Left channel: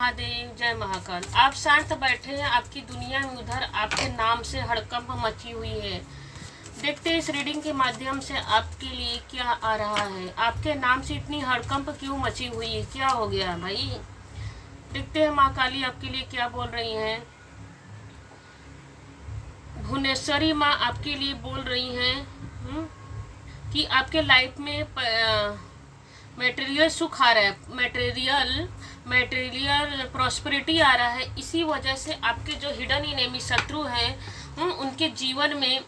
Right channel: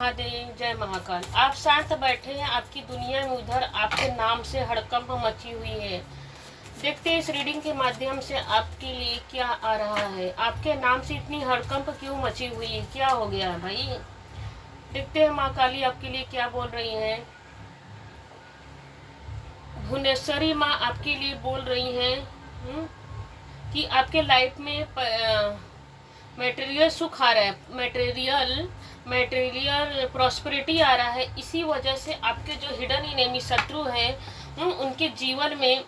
महादेव जय महाकाल। आप शांत बैठे हैं, आपकी दुनिया में उधर आपके नाम से हड़कंप मची हुई है। देखते हैं इस रीडिंग के माध्यम से आपके लिए क्या आ रहा है। आपके नाम से इतनी हड़कंप क्यों मची हुई है, क्या हो गया भाई। देखते हैं माँ काली आपके लिए क्या बोल रही है। भुवनेश्वरी माँ आपके लिए बोल रही हैं कि आपके लाइफ में मटेरियल सुख आ रहा है, मटेरियल प्रॉस्पेरिटी आ रहा है। इसी वजह से आपके जो हिडन इनेमी शत्रु हैं उनके जीवन में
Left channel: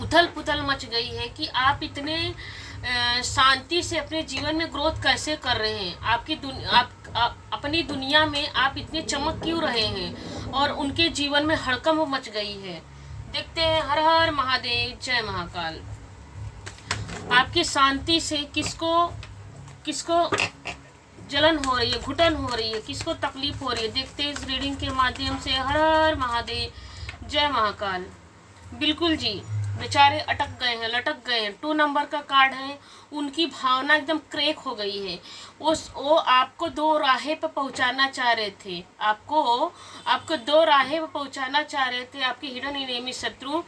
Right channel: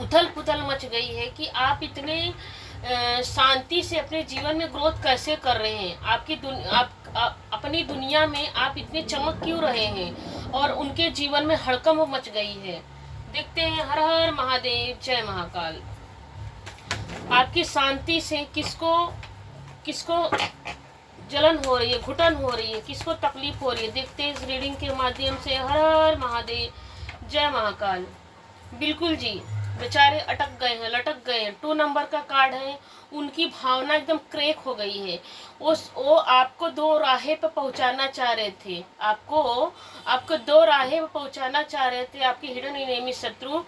उथल पुथल मच गई है कि आप इतने शांति से अपने जीवन में ग्रोथ कैसे कर रहे हैं। अपनी दुनिया में आप इतने चमक क्यों रहे हैं, और उनके जीवन में हड़कंप मच गई है। देखते हैं। हर हर महादेव जय महाकाल। आपकी शांति से किसको जलन हो रही है, घुटन हो रही है, किसको तकलीफ हो रही है। देखते हैं इस रीडिंग के माध्यम से। हर हर महादेव जय महाकाल। बिल्कुल जी, बेचारे अटक गए हैं, लटक गए हैं। 2 नंबर का कार्ड है। उनकी भावना एकदम क्रैक हो गई है। वो आपको 2 राहे पर पहुंचाना चाह रहे थे। आपको 2 राहे पर पहुंचाना चाह रहे थे आपके हिडन एनिमी शत्रु,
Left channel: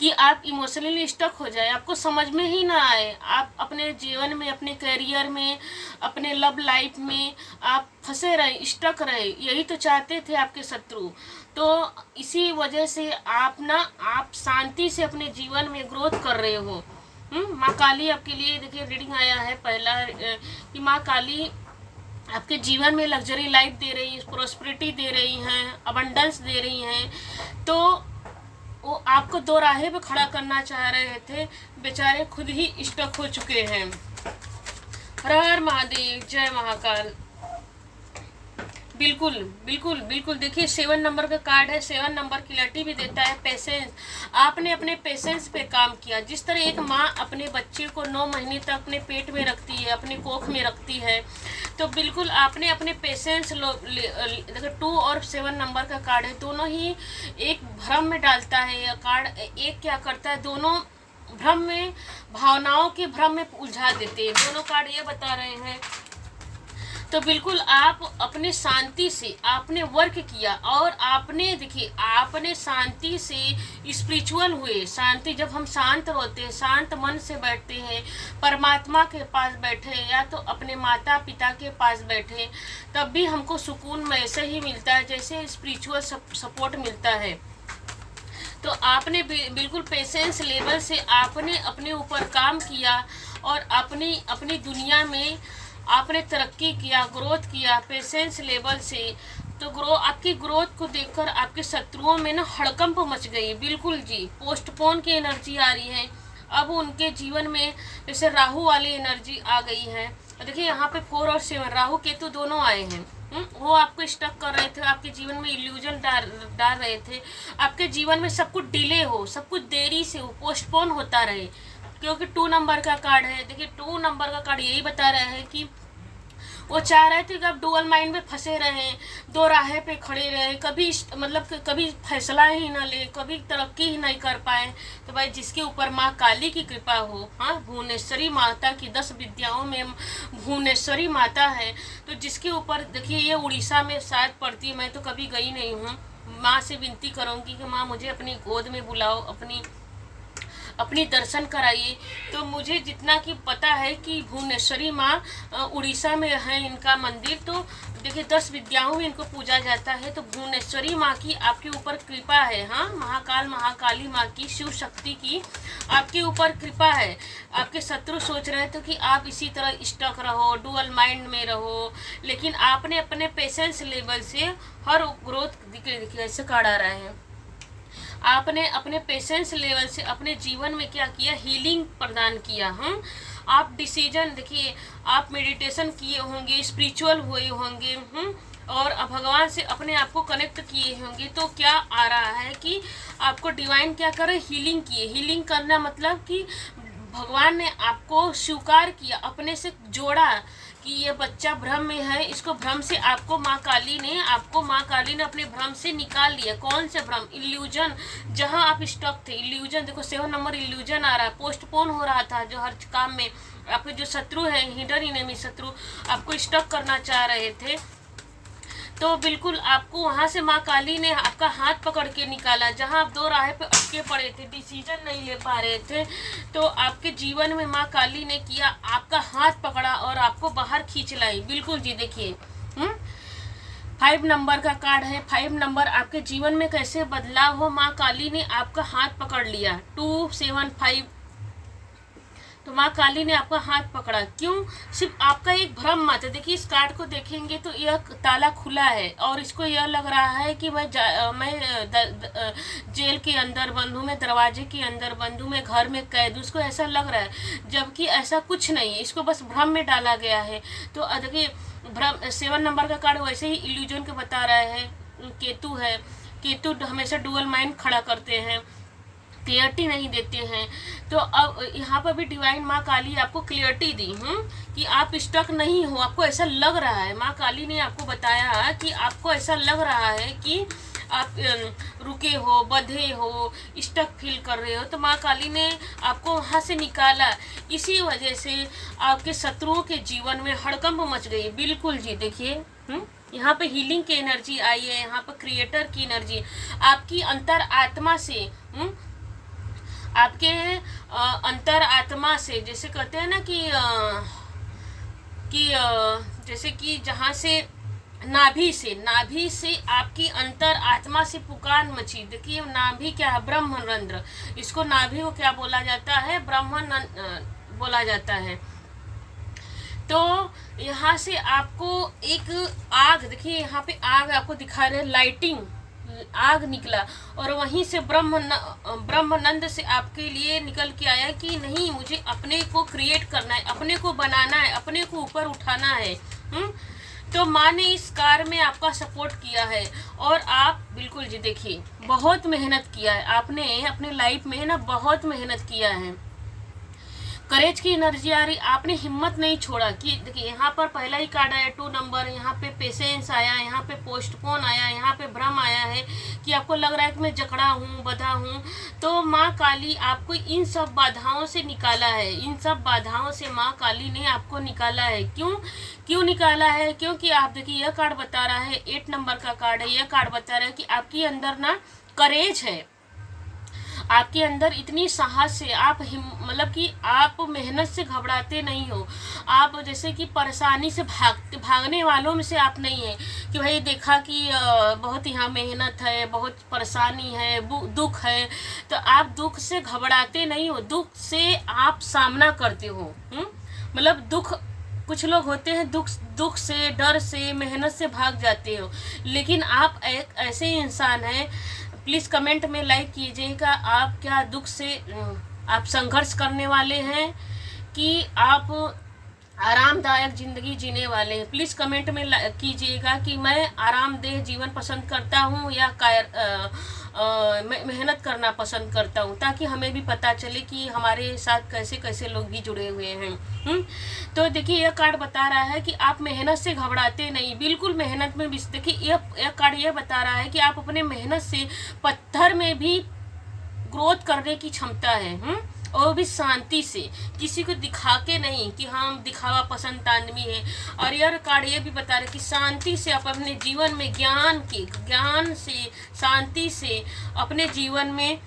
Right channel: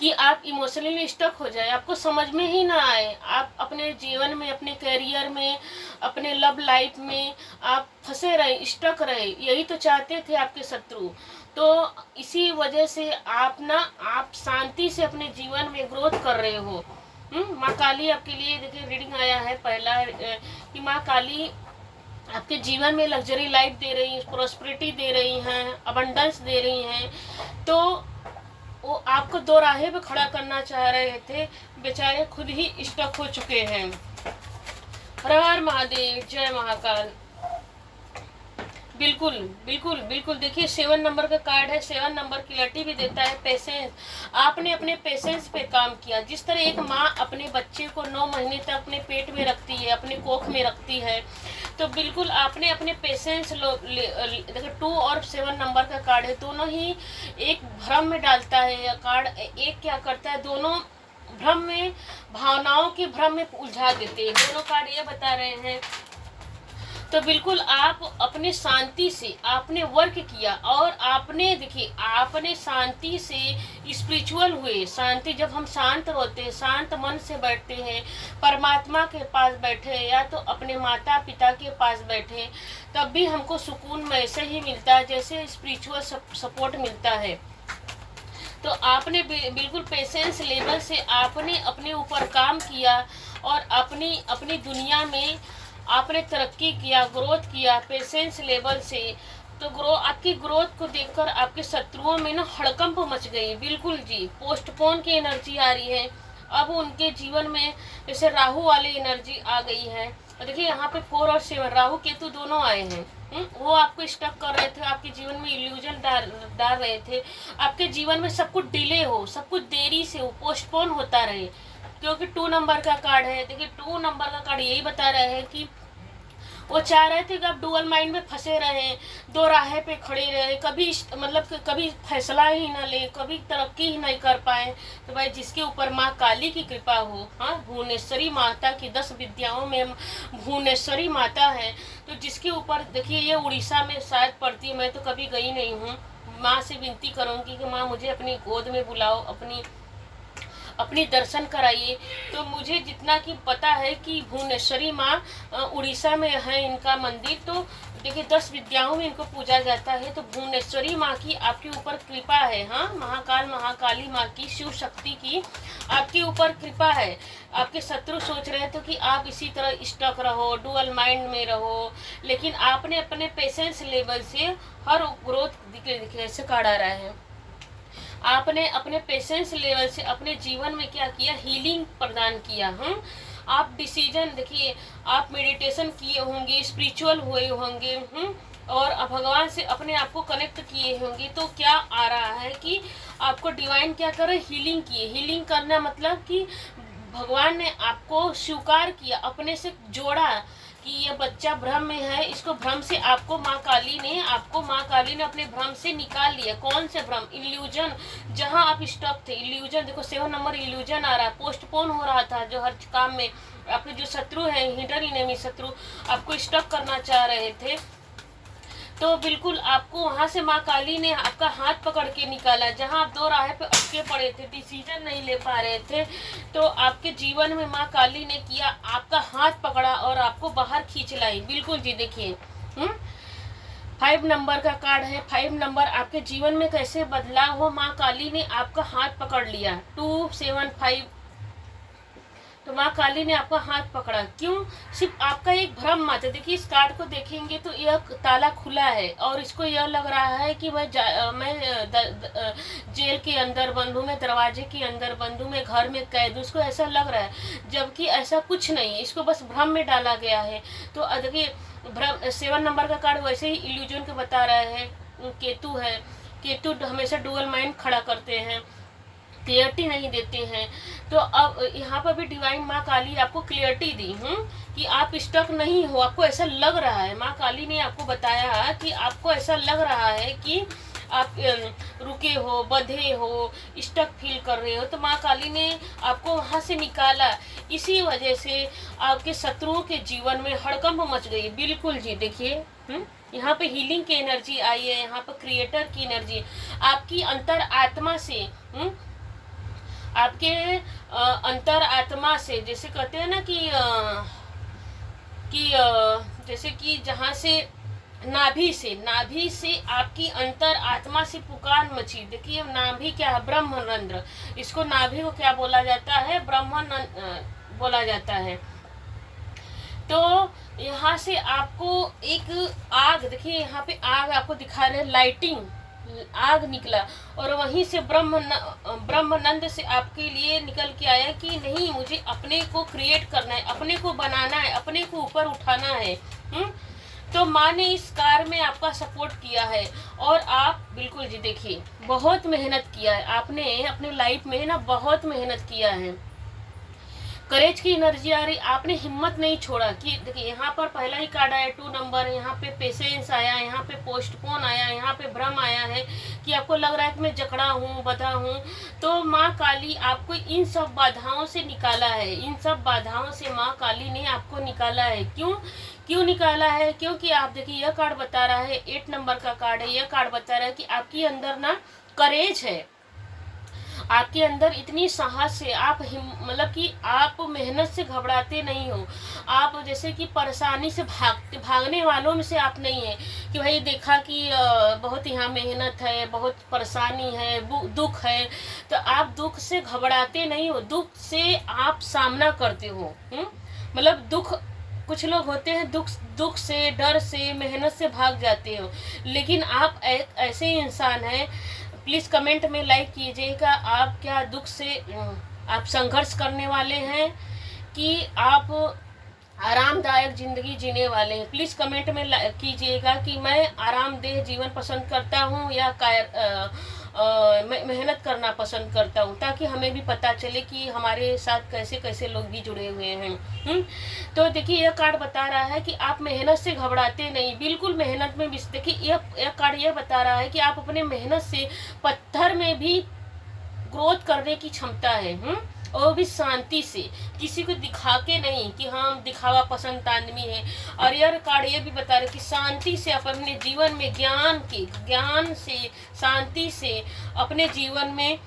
कि आप इमोशनली स्टक हो जाए, आपको समझ में ही ना आए। आप अपने जीवन में, अपने करियर में, अपने लव लाइफ में आप फंसे रहे, स्टक रहे। यही तो चाहते थे आपके शत्रु। तो इसी वजह से आप शांति से अपने जीवन में ग्रोथ कर रहे हो। माँ काली आपके लिए देखिए रीडिंग आया है पहला कि माँ काली आपके जीवन में लग्जरी लाइफ दे रही है, प्रॉस्पेरिटी दे रही हैं, अबंडेंस दे रही हैं। तो वो आपको 2 राहें पे खड़ा करना चाह रहे थे, बेचारे खुद ही स्टक हो चुके हैं। हर हर महादेव जय महाकाल। बिल्कुल बिल्कुल बिल्कुल। देखिए 7 नंबर का कार्ड है। 7 नंबर क्लैरिटी भी देता है पेशेंस। आपने अपने पेशेंस पे काम किया। जिस तरह एक माँ अपने बच्चे को 9 महीने तक अपने पेट में रखती है, अपने कोख में रखती है, तो बिल्कुल आपने अपने पेशेंस देखो 2 और 7 नंबर का कार्ड है, दोनों ही एक भ्रम में डालता है। यह कार्ड एक क्या करता है, दोनों भ्रम में, भावनाओं के भ्रम में उलझा देते हैं। दोनों कार्ड ये बता रहे हैं। तो बिल्कुल आप अपने शांति से आपने वर्क किया, और आपने शांति से स्पिरिचुअल हुए। शांति, जब हम शांत होते हैं, शांत मन से बैठते हैं, परमात्मा के पास बैठे या तो अपने माता पिता के पास बैठे, तब भी हमको सुकून वैसे ही मिलता है जैसे स्पिरिचुअल सपोर्ट मिलता है। तो आपने बिल्कुल पेशेंस लेवल से आपने अपने ऊपर काम किया, और अपनी दुनिया में आपने तरक्की किया, ग्रोथ किया पेशेंस लेवल से। तो आपकी ग्रोथ को देखकर आपके शत्रुओं में ना हड़कंप मच गई। बिल्कुल जी, पोस्टपोन की एनर्जी आ रही है। अब उनके जीवन में जैसे राहु वाली एनर्जी आ गई है। देखिए यहाँ पे 4 और 7 राहु केतु दोनों आए हैं। वो आपको स्टक कर रहे थे, आपके जीवन में इल्यूजन डाल रहे थे। आपके जीवन में सब कुछ डिले हो, सब कुछ देरी से हो, पोस्टपोन होता रहे। क्योंकि 2 नंबर का कार्ड है। देखिए 2 नंबर का कार्ड यही बता रहा है कि वो चाह रहे थे कि आप डुअल माइंड में फंसे रहे, 2 राहें पे खड़े रहे, कभी फैसला ही ना ले, कभी तरक्की ही नहीं कर पाए। तो भाई जिसके ऊपर माँ काली की कृपा हो, हाँ, भुवनेश्वरी माता की 10 विद्याओं में भुवनेश्वरी माता है, तो जिसके ऊपर देखिए ये उड़ीसा में शायद पड़ती है, मैं तो कभी गई नहीं हूँ। माँ से विनती करूँगी कि माँ मुझे अपनी गोद में बुलाओ, अपनी दर्शन कराइए। तो मुझे जितना कि पता है कि भुवनेश्वरी माँ उड़ीसा में है इनका मंदिर। तो देखिए 10 विद्याओं में इनको पूजा जाता है। तो भुवनेश्वरी माँ की आपके ऊपर कृपा है। हाँ, महाकाली माँ की, शिव शक्ति की आपके ऊपर कृपा है। आपके शत्रु सोच रहे थे कि आप इसी तरह स्टक रहो, डुअल माइंड में रहो, लेकिन आपने अपने पेशेंस लेवल से हर ग्रोथ कैसे कार्ड आ रहा है। आपने अपने पेशेंस लेवल से अपने जीवन में क्या किया, हीलिंग प्रदान किया। आप डिसीजन, देखिए आप मेडिटेशन किए होंगे, स्पिरिचुअल हुए होंगे, और भगवान से अपने आप को कनेक्ट किए होंगे। तो क्या आ रहा है कि आपको डिवाइन क्या करे, हीलिंग किए। हीलिंग करना मतलब कि भगवान ने आपको स्वीकार किया, अपने से जोड़ा कि ये बच्चा भ्रम में है। इसको भ्रम से आपको माँ काली ने अपने भ्रम से निकाल लिया। कौन से भ्रम, इल्यूजन, जहाँ आप स्टक थे, इल्यूजन। देखो 7 नंबर इल्यूजन आ रहा है, पोस्टपोन हो रहा था जो हर काम में। आपके जो शत्रु है, हिडन एनिमी शत्रु, आपको स्टक करना चाह रहे थे, तो बिल्कुल आपको वहाँ से माँ काली ने आपका हाथ पकड़ के निकाला, जहाँ आप दो राह पे अटके पड़े थे, डिसीजन नहीं ले पा रहे थे, तो आपके जीवन में माँ काली ने किया, आपका हाथ पकड़ा और आपको बाहर खींच लाई। बिल्कुल जी, देखिए 5 नंबर का कार्ड है। 5 नंबर आपके जीवन में कैसे बदलाव हो, माँ काली ने आपका हाथ पकड़ लिया। 2 7 5, तो माँ काली ने आपका हाथ पकड़ा। क्यों? सिर्फ आपका एक भ्रम मत है। देखिए इस कार्ड को देखेंगे तो यह ताला खुला है और इसको यह लग रहा है कि मैं जेल के अंदर बंद हूँ, मैं दरवाजे के अंदर बंद हूँ, मैं घर में कैद हूँ, उसको ऐसा लग रहा है, जबकि ऐसा कुछ नहीं है, इसको बस भ्रम में डाला गया है। तो देखिए भ्रम 7 नंबर का कार्ड वैसे ही इल्यूजन के बता रहा है। केतु है, केतु हमेशा डुअल माइंड खड़ा करते हैं, क्लियरिटी नहीं देते हैं। तो अब यहाँ पर भी डिवाइन माँ काली आपको क्लियरिटी दी कि आप स्टक नहीं हो। आपको ऐसा लग रहा है, माँ काली ने आपको बताया कि आपको ऐसा लग रहा है कि आप रुके हो, बंधे हो, स्टक फील कर रहे हो, तो माँ काली ने आपको वहाँ से निकाला। इसी वजह से आपके शत्रुओं के जीवन में हड़कंप मच गई। बिल्कुल जी, देखिए यहाँ पे हीलिंग की एनर्जी आई है, यहाँ पर क्रिएटर की एनर्जी आपकी अंतर आत्मा से आपके अंतर आत्मा से, जैसे कहते हैं ना कि जैसे कि जहाँ से नाभि से आपकी अंतर आत्मा से पुकार मची। देखिए नाभि क्या है? ब्रह्मरंध्र। इसको नाभि को क्या बोला जाता है? ब्रह्म बोला जाता है। तो यहाँ से आपको एक आग, देखिए यहाँ पे आग आपको दिखा रहे, लाइटिंग आग निकला और वहीं से ब्रह्मानंद से आपके लिए निकल के आया कि नहीं, मुझे अपने को क्रिएट करना है, अपने को बनाना है, अपने को ऊपर उठाना है। तो माँ ने इस कार्य में आपका सपोर्ट किया है और आप बिल्कुल जी, देखिए बहुत मेहनत किया है आपने अपने लाइफ में ना, बहुत मेहनत किया है। करेज की एनर्जी आ रही, आपने हिम्मत नहीं छोड़ा। कि देखिए यहाँ पर पहला ही कार्ड आया 2 नंबर, यहाँ पे पेशेंस आया, यहाँ पे पोस्टपोन आया, यहाँ पे भ्रम आया है कि आपको लग रहा है कि मैं जकड़ा हूँ, बधा हूँ। तो माँ काली आपको इन सब बाधाओं से निकाला है, इन सब बाधाओं से माँ काली ने आपको निकाला है। क्यों निकाला है? क्योंकि आप देखिए यह कार्ड बता रहा है, 8 नंबर का कार्ड है, यह कार्ड बता रहा है कि आपके अंदर ना करेज है, आपके अंदर इतनी साहस है, आप मतलब कि आप मेहनत से घबराते नहीं हो। आप जैसे कि परेशानी से भागने वालों में से आप नहीं है कि भाई देखा कि बहुत यहाँ मेहनत है, बहुत परेशानी है, दुख है, तो आप दुख से घबराते नहीं हो, दुख से आप सामना करते हो। मतलब दुख, कुछ लोग होते हैं दुख से, डर से, मेहनत से भाग जाते हो, लेकिन आप एक ऐसे इंसान हैं। प्लीज़ कमेंट में लाइक कीजिएगा, आप क्या दुख से आप संघर्ष करने वाले हैं कि आप आरामदायक ज़िंदगी जीने वाले हैं। प्लीज़ कमेंट में कीजिएगा कि मैं आरामदेह जीवन पसंद करता हूँ या मेहनत करना पसंद करता हूँ, ताकि हमें भी पता चले कि हमारे साथ कैसे कैसे लोग भी जुड़े हुए हैं। तो देखिए यह कार्ड बता रहा है कि आप मेहनत से घबराते नहीं, बिल्कुल मेहनत में भी। देखिए यह कार्ड यह बता रहा है कि आप अपने मेहनत से पत्थर में भी ग्रोथ करने की क्षमता है, और भी शांति से, किसी को दिखा के नहीं कि हम दिखावा पसंद आदमी है। और यह कार्ड ये भी बता रहे कि शांति से आप अपने जीवन में ज्ञान से, शांति से अपने जीवन में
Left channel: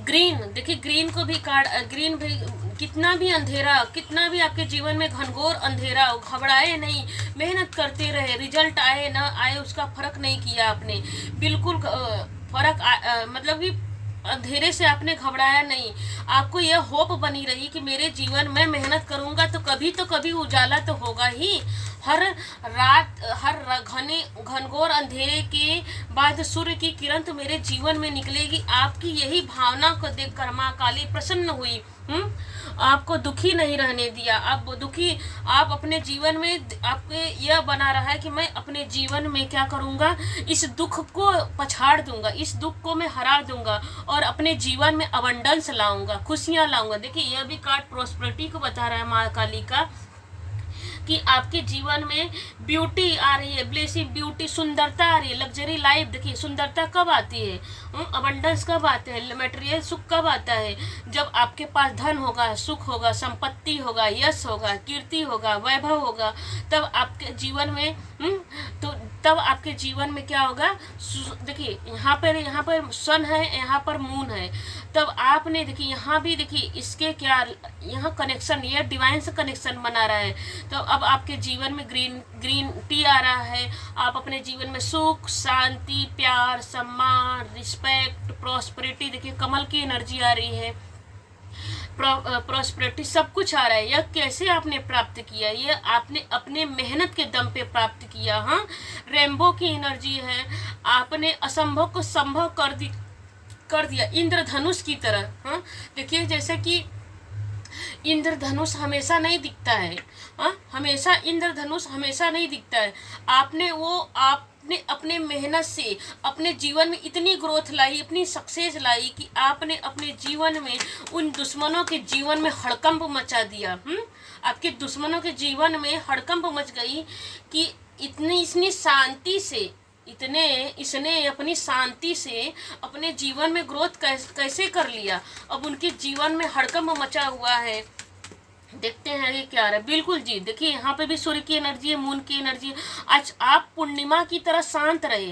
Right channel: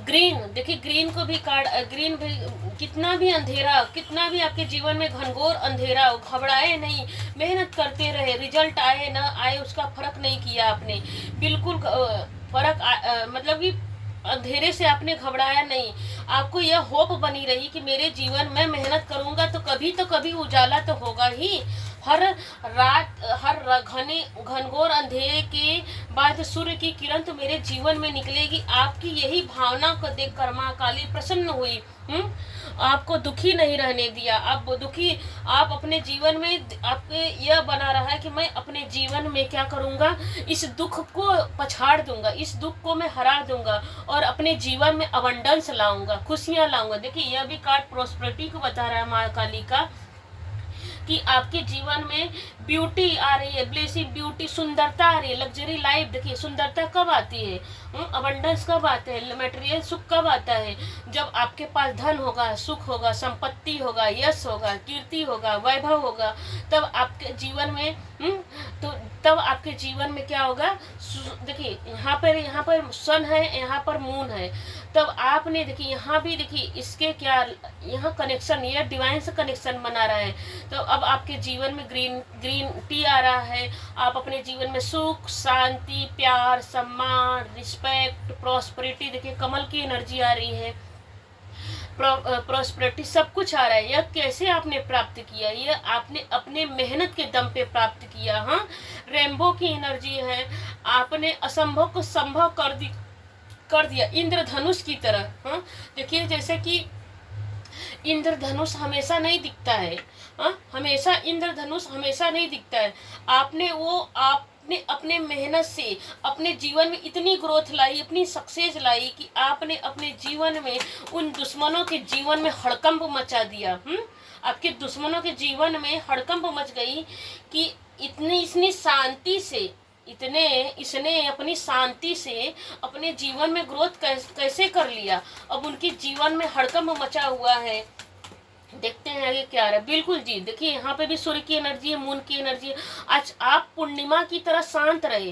ग्रीन, देखिए ग्रीन को भी कार्ड, ग्रीन भी, कितना भी अंधेरा, कितना भी आपके जीवन में घनघोर अंधेरा हो, घबराए नहीं, मेहनत करते रहे, रिजल्ट आए ना आए उसका फर्क नहीं किया आपने, बिल्कुल मतलब कि अंधेरे से आपने घबराया नहीं। आपको यह होप बनी रही कि मेरे जीवन में मेहनत करूंगा तो कभी उजाला तो होगा ही। हर रात, हर घनघोर अंधेरे के बाद सूर्य की किरण तो मेरे जीवन में निकलेगी। आपकी यही भावना को देखकर माँ काली प्रसन्न हुई। आपको दुखी नहीं रहने दिया। आप अपने जीवन में, आपके यह बना रहा है कि मैं अपने जीवन में क्या करूंगा, इस दुख को पछाड़ दूंगा, इस दुख को मैं हरा दूंगा और अपने जीवन में अबंडेंस लाऊंगा, खुशियां लाऊंगा। देखिए यह भी कार्ड प्रोस्पेरिटी को बता रहा है माँ काली का, कि आपके जीवन में ब्यूटी आ रही है, ब्लेसिंग, ब्यूटी, सुंदरता आ रही है, लग्जरी लाइफ। देखिए सुंदरता कब आती है, अबंडेंस कब आता है, मटेरियल सुख कब आता है, जब आपके पास धन होगा, सुख होगा, संपत्ति होगा, यश होगा, कीर्ति होगा, वैभव होगा, तब आपके जीवन में तो तब आपके जीवन में क्या होगा। देखिए यहाँ पर सन है, यहाँ पर मून है, तब आपने देखिए यहाँ भी देखिए इसके क्या यहाँ कनेक्शन, ये डिवाइन से कनेक्शन बना रहा है। तो अब आपके जीवन में ग्रीन टी आ रहा है। आप अपने जीवन में सुख, शांति, प्यार, सम्मान, रिस्पेक्ट, प्रॉस्पेरिटी, देखिए कमल की एनर्जी आ रही है, प्रॉस्पेरिटी सब कुछ आ रहा है। यह कैसे आपने प्राप्त किया, ये आपने अपने मेहनत के दम पे प्राप्त किया। हाँ, रेनबो की एनर्जी है, आपने असंभव को संभव कर दिया इंद्रधनुष की तरह। हाँ, देखिए जैसे कि इंद्रधनुष हमेशा नहीं दिखता है। हमेशा इंद्रधनुष हमेशा नहीं दिखता है। आपने अपने मेहनत से अपने जीवन में इतनी ग्रोथ लाई, इतनी सक्सेस लाई कि आपने अपने जीवन में उन दुश्मनों के जीवन में हड़कंप मचा दिया। आपके दुश्मनों के जीवन में हड़कंप मच गई कि इसने शांति से इसने अपनी शांति से अपने जीवन में ग्रोथ कैसे कर लिया। अब उनके जीवन में हड़कंप मचा हुआ है। देखते हैं ये क्या है। बिल्कुल जी, देखिए यहाँ पे भी सूर्य की एनर्जी है, मून की एनर्जी है। आज आप पूर्णिमा की तरह शांत रहे।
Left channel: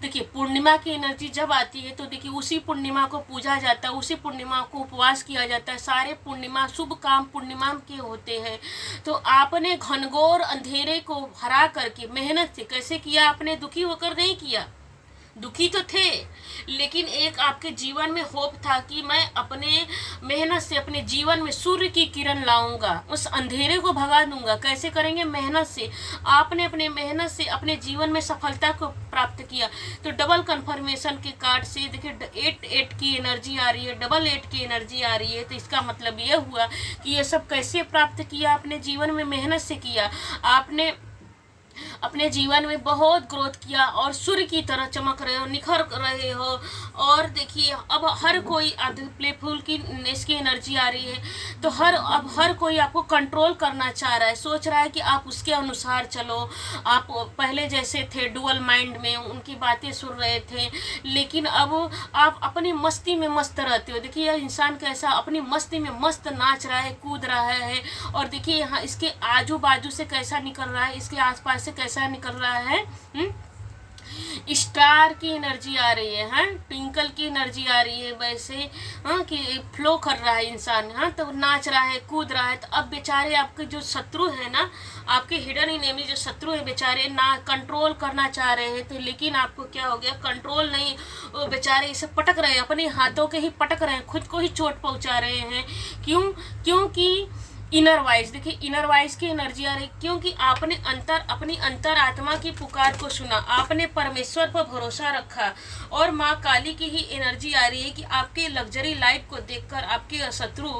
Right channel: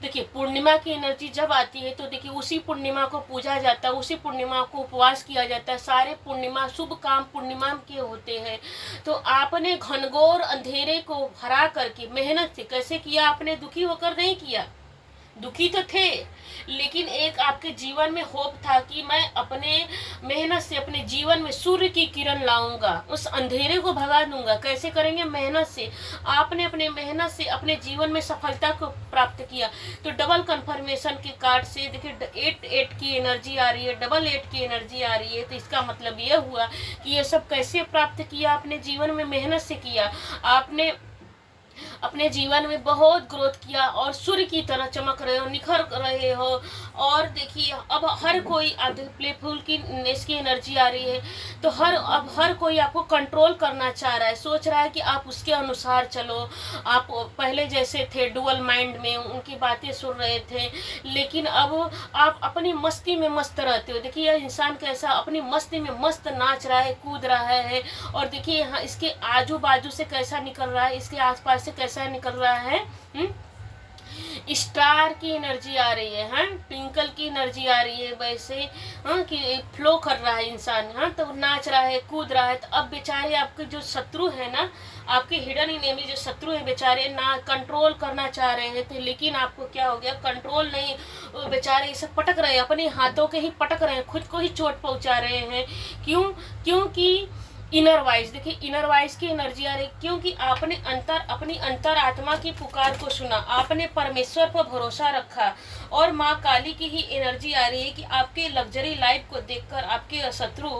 देखिए पूर्णिमा की एनर्जी जब आती है तो देखिए उसी पूर्णिमा को पूजा जाता है, उसी पूर्णिमा को उपवास किया जाता है। सारे पूर्णिमा शुभ काम पूर्णिमा के होते हैं। तो आपने घनघोर अंधेरे को हरा करके मेहनत से कैसे किया, आपने दुखी होकर नहीं किया। दुखी तो थे, लेकिन एक आपके जीवन में होप था कि मैं अपने मेहनत से अपने जीवन में सूर्य की किरण लाऊंगा, उस अंधेरे को भगा दूंगा। कैसे करेंगे, मेहनत से। आपने अपने मेहनत से अपने जीवन में सफलता को प्राप्त किया। तो डबल कंफर्मेशन के कार्ड से देखिए 8 की एनर्जी आ रही है, 8 की एनर्जी आ रही है। तो इसका मतलब यह हुआ कि ये सब कैसे प्राप्त किया, अपने जीवन में मेहनत से किया। आपने अपने जीवन में बहुत ग्रोथ किया और सूर्य की तरह चमक रहे हो, निखर रहे हो। और देखिए अब हर कोई प्लेफुल की इसकी एनर्जी आ रही है। तो अब हर कोई आपको कंट्रोल करना चाह रहा है, सोच रहा है कि आप उसके अनुसार चलो। आप पहले जैसे थे डुअल माइंड में, उनकी बातें सुन रहे थे, लेकिन अब आप अपनी मस्ती में मस्त रहते हो। देखिए यह इंसान कैसा अपनी मस्ती में मस्त नाच रहा है, कूद रहा है। और देखिए यहाँ इसके आजू बाजू से कैसा निकल रहा है, इसके आसपास से कैसा निकल रहा है। स्टार की एनर्जी आ रही है, ट्विंकल की एनर्जी आ रही है। वैसे कि फ्लो कर रहा है इंसान, तो नाच रहा है, कूद रहा है। तो अब बेचारे आपके जो शत्रु है ना, आपके हिडन इनेमी जो शत्रु है, बेचारे ना कंट्रोल करना चाह रहे हैं। तो लेकिन आपको क्या हो गया, कंट्रोल नहीं, वो बेचारे इसे पटक रहे हैं, अपने हाथों के ही पटक रहे हैं, खुद को ही चोट पहुंचा रहे हैं। क्योंकि इनर वाइज, देखिए इनर वाइज की एनर्जी आ रही, क्योंकि आपने अपनी अंतर आत्मा की पुकार को सुना, आपने परमेश्वर पर भरोसा रखा। और माँ काली की ही एनर्जी आ रही है कि आपके लग्जरी लाइफ को देखकर आपके शत्रु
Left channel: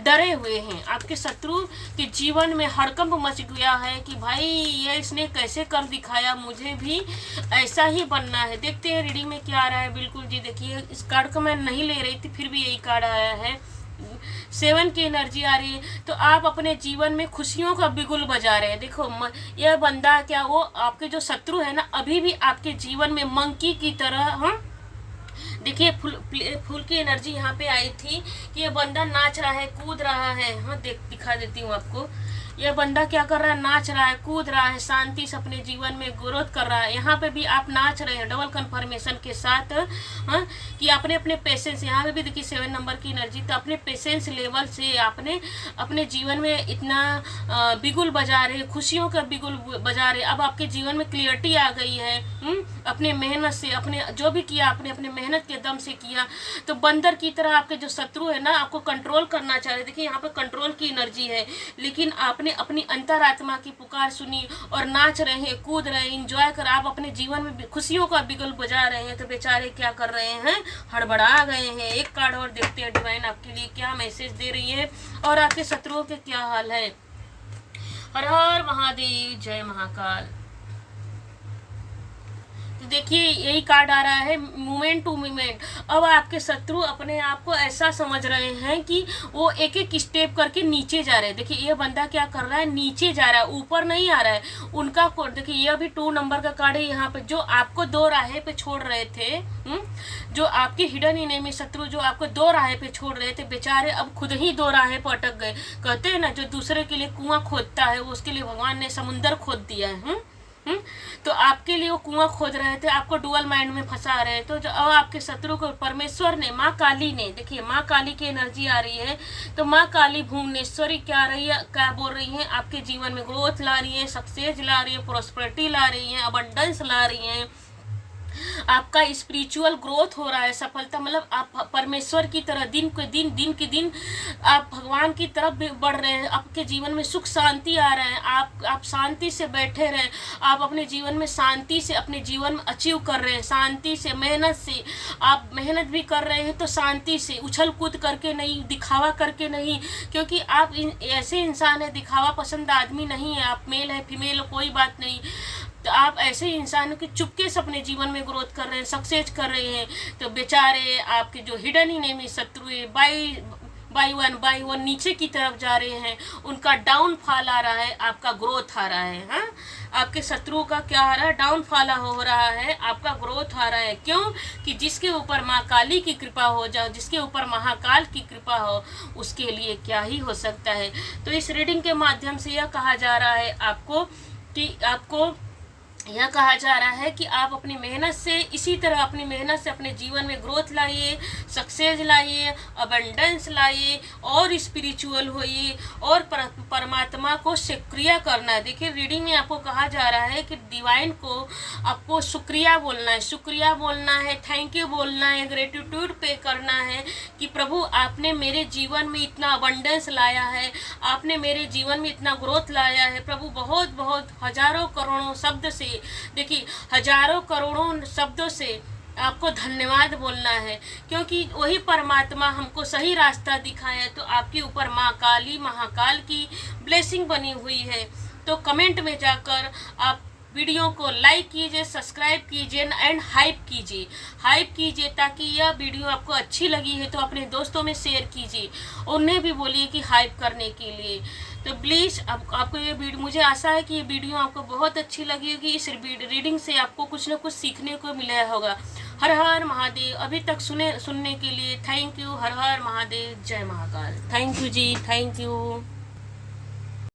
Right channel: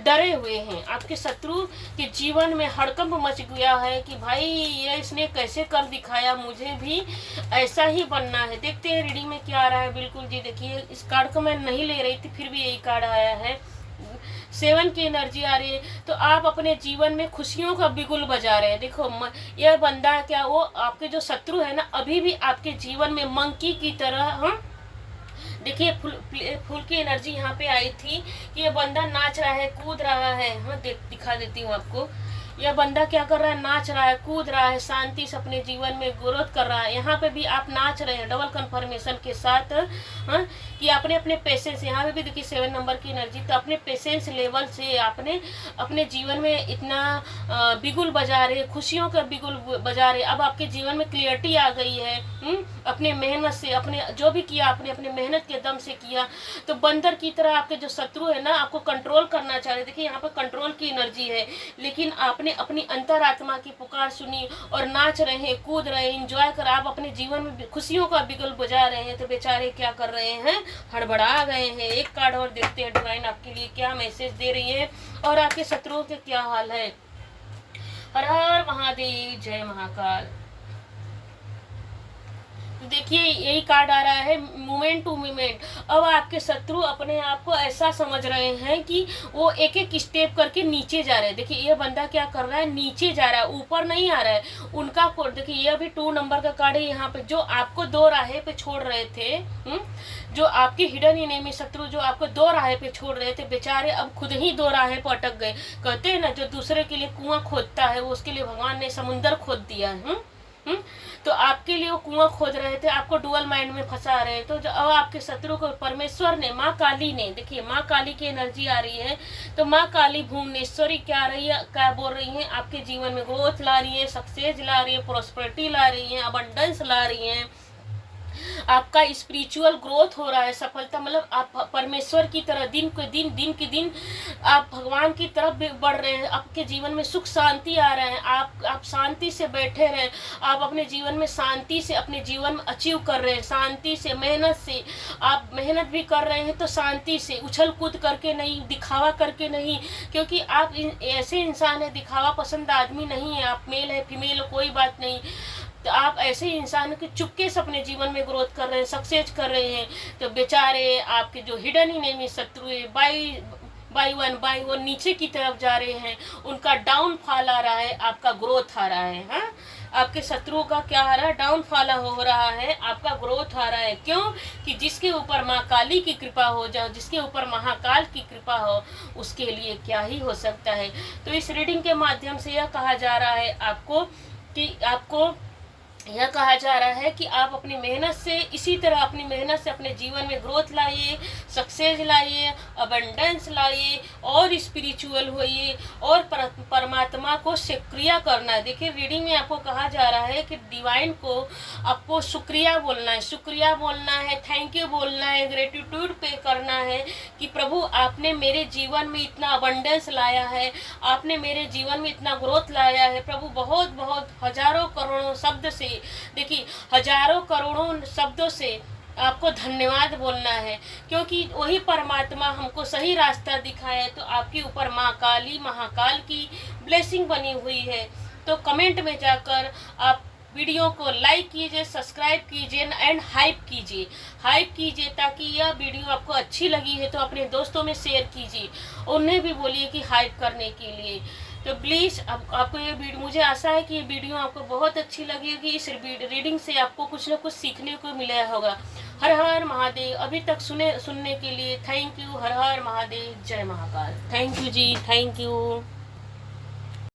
डरे हुए हैं। आपके शत्रु के जीवन में हड़कंप मच गया है कि भाई ये इसने कैसे कर दिखाया, मुझे भी ऐसा ही बनना है। देखते हैं रीडिंग में क्या आ रहा है। बिल्कुल जी, देखिए इस कार्ड को मैं नहीं ले रही थी, फिर भी यही कार्ड आया है। 7 की एनर्जी आ रही है। तो आप अपने जीवन में खुशियों का बिगुल बजा रहे हैं। देखो यह बंदा क्या, वो आपके जो शत्रु है ना, अभी भी आपके जीवन में मंकी की तरह देखिए फूल की एनर्जी यहाँ पे आई थी कि ये बंदा नाच रहा है, कूद रहा है। दिखा देती हूँ आपको। यह बंदा क्या कर रहा है, नाच रहा है, कूद रहा है, शांति से अपने जीवन में ग्रोथ कर रहा है। यहाँ पे भी आप नाच रहे हैं डबल कंफर्मेशन के साथ, कि आपने अपने पेशेंस, यहाँ पे भी देखिए 7 नंबर की एनर्जी। तो अपने पेशेंस लेवल से आपने अपने जीवन में इतना बिगुल बजा रहे, खुशियों का बिगुल बजा रहे। अब आपके जीवन में क्लियरिटी आ गई है। अपने मेहनत से, अपने जो भी किया आपने अपने मेहनत के दम से किया। तो बंदर की तरह आपके जो शत्रु है ना, आपको कंट्रोल करना चाह रहे। देखिए यहाँ पे कंट्रोल की एनर्जी है, लेकिन आपने अपनी अंतरात्मा की पुकार सुनी और नाच रहे हैं, कूद रहे हैं, इंजॉय कर, आप अपने जीवन में खुशियों का बिगुल बजा रहे हैं। तो बेचारे क्या कर रहे हैं, हड़बड़ा गए हैं। एक कार्ड और देखते हैं डिवाइन आपके लिए क्या मैसेज दे रही है और आपके शत्रुओं के क्या हाल है। हर हर महादेव, जय महाकाल। तो देखिए यही कार्ड आ रहा है, मोमेंट टू मोमेंट। अब आपके शत्रु अपने आप को ऐसा समझ रहे हैं कि वो एक एक स्टेप करके नीचे जा रहे हैं। देखिए ये बंदा क्या कर रहा है, नीचे जा रहा है, ऊपर नहीं आ रहा है। उनका कोड देखिए, ये अभी 2 नंबर का कार्ड है। यहाँ पे जो आपको 2 राहें पे छोड़ रहे थे, जो आपके हिडन इनेमी शत्रु जो आपको 2 राहें पे छोड़ रहे थे, बेचारे अब खुद ही 2 राहें पे अटक गए। कहते हैं ना, जो दूसरे के लिए कुआं खोदता है, वो उसके लिए भगवान ने समुंदर खोद दिया है। तो तो आपके लिए वो कुआं खोद रहे थे, आपको डुअल माइंड में फंसा रहे हैं। तो अब आपके शत्रु को परमेश्वर ने, माँ काली ने, देखिए माँ काली की एनर्जी आ रही है, तो माँ काली भुवनेश्वरी क्या आ रही है, क्या बोल रही है, आपके जीवन में ग्रोथ ला रही है, सक्सेस ला रही है, प्रोस्पेरिटी ला रही है, अबंडेंस ला रही है, आपका स्पिरिचुअल ग्रोथ हो रहा है, सफलता, मतलब आप परमेश्वर की तरह दिन के दिन आप भगवान की तरफ बढ़ रहे हैं, आपके जीवन में सुख शांति आ रहा है, आप शांति से बैठे रहे, आप अपने जीवन में शांति से अपने जीवन में अचीव कर रहे हैं, शांति से, मेहनत से, आप मेहनत भी कर रहे हैं तो शांति से, उछल कूद करके नहीं, दिखावा करके नहीं, क्योंकि आप ऐसे इंसान है, दिखावा पसंद आदमी नहीं है, आप मेल है फीमेल कोई बात नहीं, तो आप ऐसे इंसान के चुपके से अपने जीवन में ग्रोथ कर रहे हैं, सक्सेस कर रहे हैं। तो बेचारे आपके जो हिडन इनेमी शत्रु है, बाई वन नीचे की तरफ जा रहे हैं, उनका डाउनफॉल आ रहा है, आपका ग्रोथ आ रहा है। हाँ, आपके शत्रुओं का क्या आ रहा है, डाउनफॉल हो रहा है, आपका ग्रोथ आ रहा है। क्यों? कि जिसके ऊपर माँ काली की कृपा हो जाओ, जिसके ऊपर महाकाल की कृपा हो, उसके लिए क्या ही हो सकता है। तो इस रीडिंग के माध्यम से यह कहा जा रहा है आपको कि आपको यह कहा जा रहा है कि आप अपनी मेहनत से, इसी तरह अपनी मेहनत से अपने जीवन में ग्रोथ लाइए, सक्सेस लाइए, अबंडेंस लाइए, और स्पिरिचुअल होइए, और परमात्मा को शुक्रिया करना है। देखिए रीडिंग में आपको कहा जा रहा है कि डिवाइन को आपको शुक्रिया बोलना है, शुक्रिया बोलना है, थैंक यू बोलना है, ग्रेटिट्यूड पे करना है कि प्रभु आपने मेरे जीवन में इतना अबंडेंस लाया है, आपने मेरे जीवन में इतना ग्रोथ लाया है प्रभु, बहुत बहुत हजारों करोड़ों शब्द से, देखिए हजारों करोड़ों शब्दों से आपको धन्यवाद बोलना है, क्योंकि वही परमात्मा हमको सही रास्ता दिखाया। तो आपके ऊपर माँ काली महाकाल की ब्लेसिंग बनी हुई है। तो कमेंट में जाकर आप वीडियो को लाइक कीजिए, सब्सक्राइब कीजिए एंड हाइप कीजिए, ताकि यह वीडियो आपको अच्छी लगी है तो अपने दोस्तों में शेयर कीजिए, उन्हें भी बोलिए कि हाइप करने के लिए। तो प्लीज़ आपको ये वीडियो, मुझे आशा है कि ये वीडियो आपको बहुत अच्छी लगी होगी। इस रीडिंग से आपको कुछ ना कुछ सीखने को मिला होगा। हर हर महादेव। अभी तक सुनने के लिए थैंक यू। हर हर महादेव। जय महाकाल। थैंक यू जी, थैंक यू।